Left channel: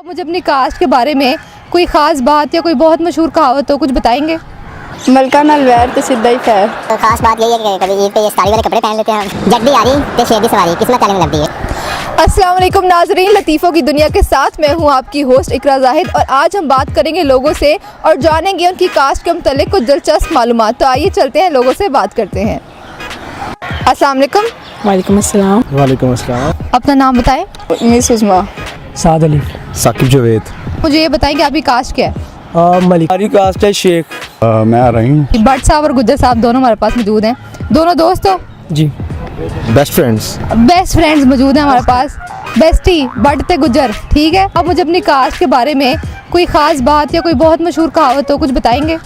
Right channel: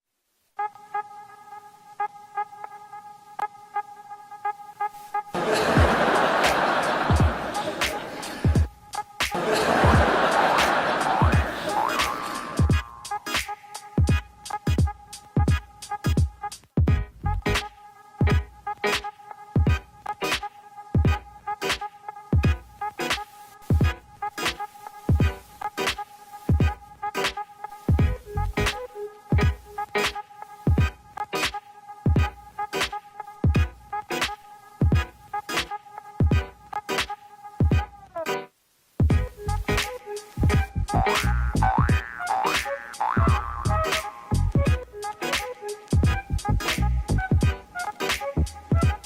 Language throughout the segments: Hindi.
आप मुझे अपनी कास्ट के बारे में कोई ख़ास बात या कोई बहुत मशहूर कहावत हो कुछ बताएंगे? मलका नाल वैर ते सीधा ही खैर। तो खास बात यही है कि कभी ईद पे ये साड़ी वाले कपड़े पहन लेते हैं हम। जब भी आ रही तो शेर की सवारी किस्मत चलने लगती है। अस्सलाम वालेकुम नाज़रीन, लतीफ़ों की दुनिया के साथ मैं हूं आपकी होस्ट इकरा जाहिद और आज हम बात करेंगे लोगों से और जानेंगे उनकी कास्ट के मुतालिक कुछ दिलचस्प मालूमात। तो आइए चलते हैं, लोगों से बात करते हैं। अस्सलाम वालेकुम। वालेकुम अस्सलाम। वालेकुम अस्सलाम। अपना नाम बताएं। मिस उस्मा। साद अली। साकिब जावेद। मुझे ये बताएं कि आपकी कास्ट क्या है? मलिक। हमारी कास्ट है शेख। मैं आ रही हूँ। भट्ट साहब और गुज्जर साहब दोनों हमारे पास मौजूद हैं। दोनों दोस्त हो? जी। Best friends. बेस्ट फ्रेंड्स मौजूद हैं हमारे पास। बेस्टी भट्ट ते गुज्जर, ठीक है। अब मुझे अपनी कास्ट के बारे में कोई ख़ास बात या कोई बहुत मशहूर कहावत हो कुछ बताएंगे?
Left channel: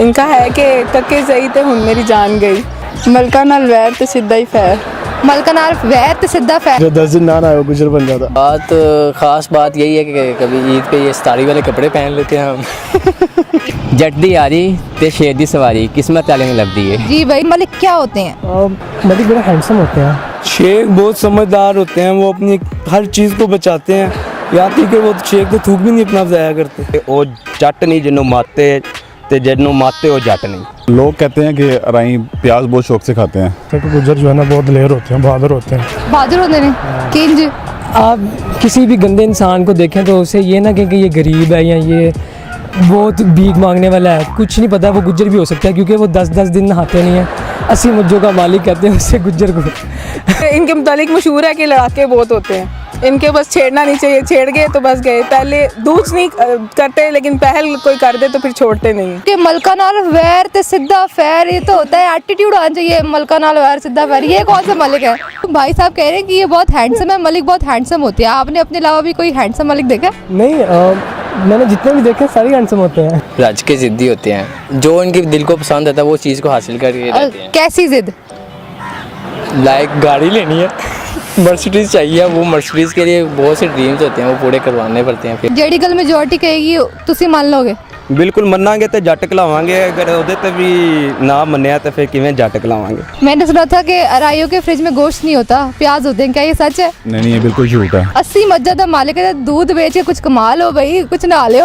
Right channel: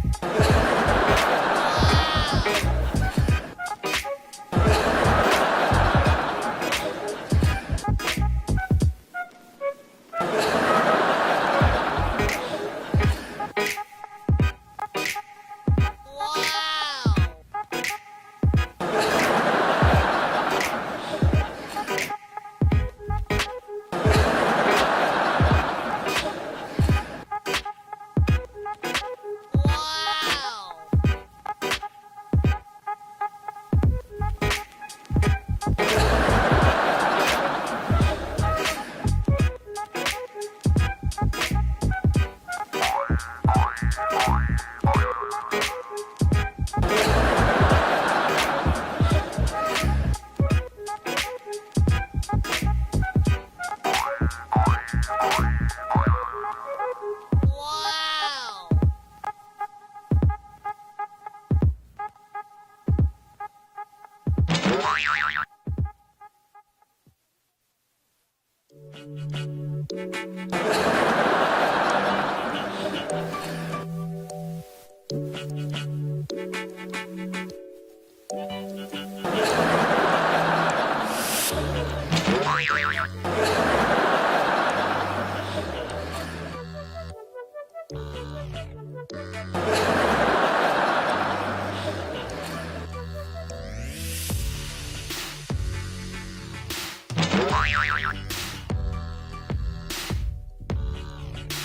इनका है कि कक्के सही तो हुन मेरी जान गई। मलका नाल वैर ते सीधा ही खैर। मलका नाल वैर ते सिद्धा फैर। जो 10 दिन ना आया गुजर बन जाता। बात ख़ास बात यही है कि कभी ईद पे ये साड़ी वाले कपड़े पहन लेते हैं हम। जट दी यारी ते शेर दी सवारी किस्मत चलने लगती है। जी भाई, मलिक क्या होते हैं? मलिक बड़ा हैंडसम होते हैं। शेख बहुत समझदार होते हैं, वो अपनी हर चीज़ को बचाते हैं। यहाँ तक कि वो शेख तो थूक भी नहीं अपना ज़ाया करते। ਉਹ ਜੱਟ ਨਹੀਂ ਜਿਹਨੂੰ ਮਾਤੇ ਤੇ ਜਿਹਨੂੰ ਮਾਤੇ ਉਹ ਜੱਟ नहीं। लोग कहते हैं कि राई प्याज बहुत शौक से खाते हैं। क्योंकि गुज्जर जो है ना बहुत दिलेर होते हैं, बहादुर होते हैं। बहादुर होते हैं किंज। आप किसी भी गंदे इंसान को देखें तो उसे ये ना कहें कि ये गरीब है या ये बहुत भीख मांगने वाला है। कुछ नहीं पता, वो गुज्जर भी हो सकता है क्योंकि वो 10-10 दिन नहाते नहीं हैं। 80 मुज्जों का मालिक कहते हैं उससे गुज्जर को। इनके मुतालिक मशहूर है कि लड़ाके बहुत होते हैं। इनके बस छेड़ना नहीं चाहिए, छेड़ गए तो बस गए। पहले दूच नहीं करते, लेकिन पहल कोई कर दे तो फिर छोड़ते नहीं। कि मलका नाल वैर ते सिद्धा फैर, ये तो होता है एटीट्यूड आना चाहिए। मलका नाल वैर सिद्धा फैर, ये कौन सा मलिक है? तो भाई साहब कह रहे हैं कि ये बहुत हैंडसम है, मलिक बहुत हैंडसम होते हैं। आपने अपने अलावा भी कोई हैंडसम मलिक देखा? नहीं, मैंने जितने भी देखे सारे हैंडसम होते हैं। रज के ज़िद्दी होते हैं, जो इनके दिल को पसंद आता है वो चीज़ को हासिल करके रहते हैं। कैसी जिद? लाइक गाड़ी लेनी है, मर्सिडीज़ चाहिए, वो मर्सिडीज़ के लिए बहुत से ड्रीम्स होते हैं, वो पूरे करवाने पड़ते हैं। फिर जेडी गल मेजोरिटी कहेगी तुसी मान लोगे? ਬਿਲਕੁਲ ਮੰਨਾਂਗੇ ਤੇ ਜੱਟ ਕਲਾਵਾਂਗੇ, ਅਗਰ ਉਹਦੇ ਤੇ ਵੀ ਨਾ ਮੰਨਿਆ ਤਾਂ ਫਿਰ ਕਿਵੇਂ ਜੱਟ ਕਲਾਵਾਂਗੇ। मैंने सुना था कि अराइयों के फ्रिज में गोश्त नहीं होता, प्याज होते हैं, क्या ये सच है? नहीं, ये बिल्कुल झूठ है। 80 मज्जा दा मालिक है, दूध बेच के कुछ कमा लो भाई, कुछ ना ले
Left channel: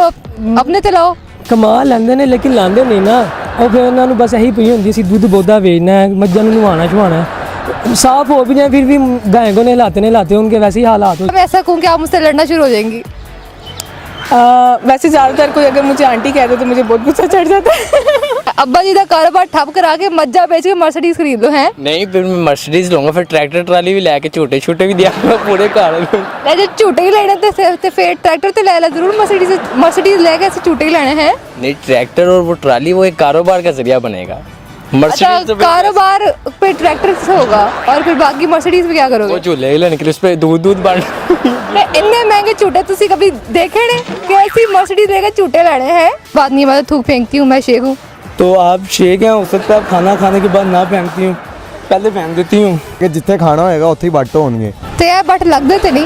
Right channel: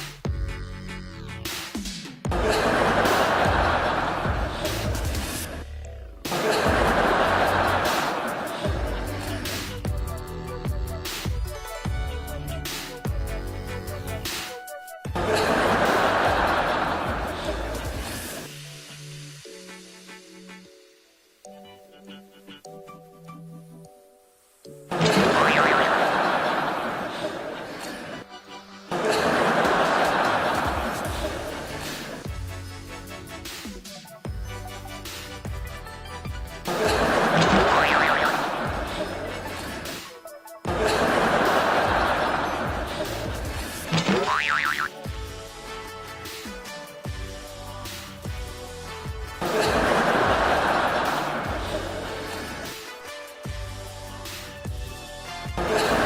अपने ते लाओ। कमा लेंदे ने लेकिन लांदे नहीं ना। और फिर उन्होंने बस यही पई होंदी सी दुध बोधा बेचना है, मज्जां नूं नहवाना छुआना। साफ हो भी जाए फिर भी गाय को नहलाते उनके वैसे ही हालात हो। मैं ऐसा कहूँ कि आप मुझसे लड़ना शुरू हो जाएंगी? वैसे ज़्यादातर कोई अगर मुझे आंटी कहते तो मुझे बहुत गुस्सा चढ़ जाता है। अब्बा जी का कारोबार ठप करा के मज्जा बेच के मर्सिडीज खरीद लो हैं। नहीं, फिर मैं मर्सिडीज़ लूँगा, फिर ट्रैक्टर ट्राली भी लेके छोटे छोटे भी दिया पूरे घर। जो झूटे ही लेने ते फिर ट्रैक्टर ते ले ला जरूर, मर्सिडीज लेके ऐसे झूटे ही लेने हैं। नहीं, ट्रैक्टर और वो ट्राली वो एक कारोबार का जरिया बनेगा। अच्छा, कारोबार पे ट्रैक्टर से होगा और फिर बाकी मर्सिडीज में क्या करोगे? वो झूले ही लेने के लिए उस पर दूध बन। इतने महंगे झूटे तुसी कभी देखे ने? कैसी मर्सिडीज लेके झूटे लेने हैं? बात नहीं, मैं थूक फेंकती हूँ, मैं शेख हूँ। तो आप शेख हैं, हो सकता है खाना खाने के बाद ना पहनती हूँ, पहले पहन देती हूँ कि जिथे खाना होएगा उत्थे ही बट होणगे। तो यार बट लग गए थे नहीं?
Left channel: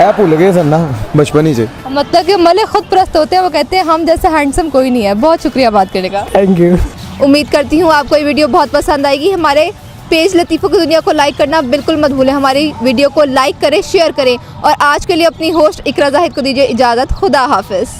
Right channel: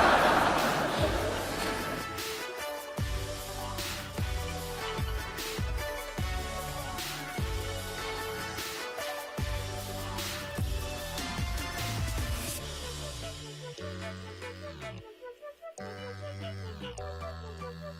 ए भूल गए सर ना बचपन ही से। मतलब कि मलिक खुद प्रस्त होते हैं, वो कहते हैं हम जैसे हैंडसम कोई नहीं है। बहुत शुक्रिया बात करने का। Thank you. उम्मीद करती हूँ आपको ये वीडियो बहुत पसंद आएगी। हमारे पेज लतीफ़ों की दुनिया को लाइक करना बिल्कुल मत भूलें। हमारी वीडियो को लाइक करें, शेयर करें और आज के लिए अपनी होस्ट इकरा जाहिद को दीजिए इजाज़त। खुदा हाफिज़।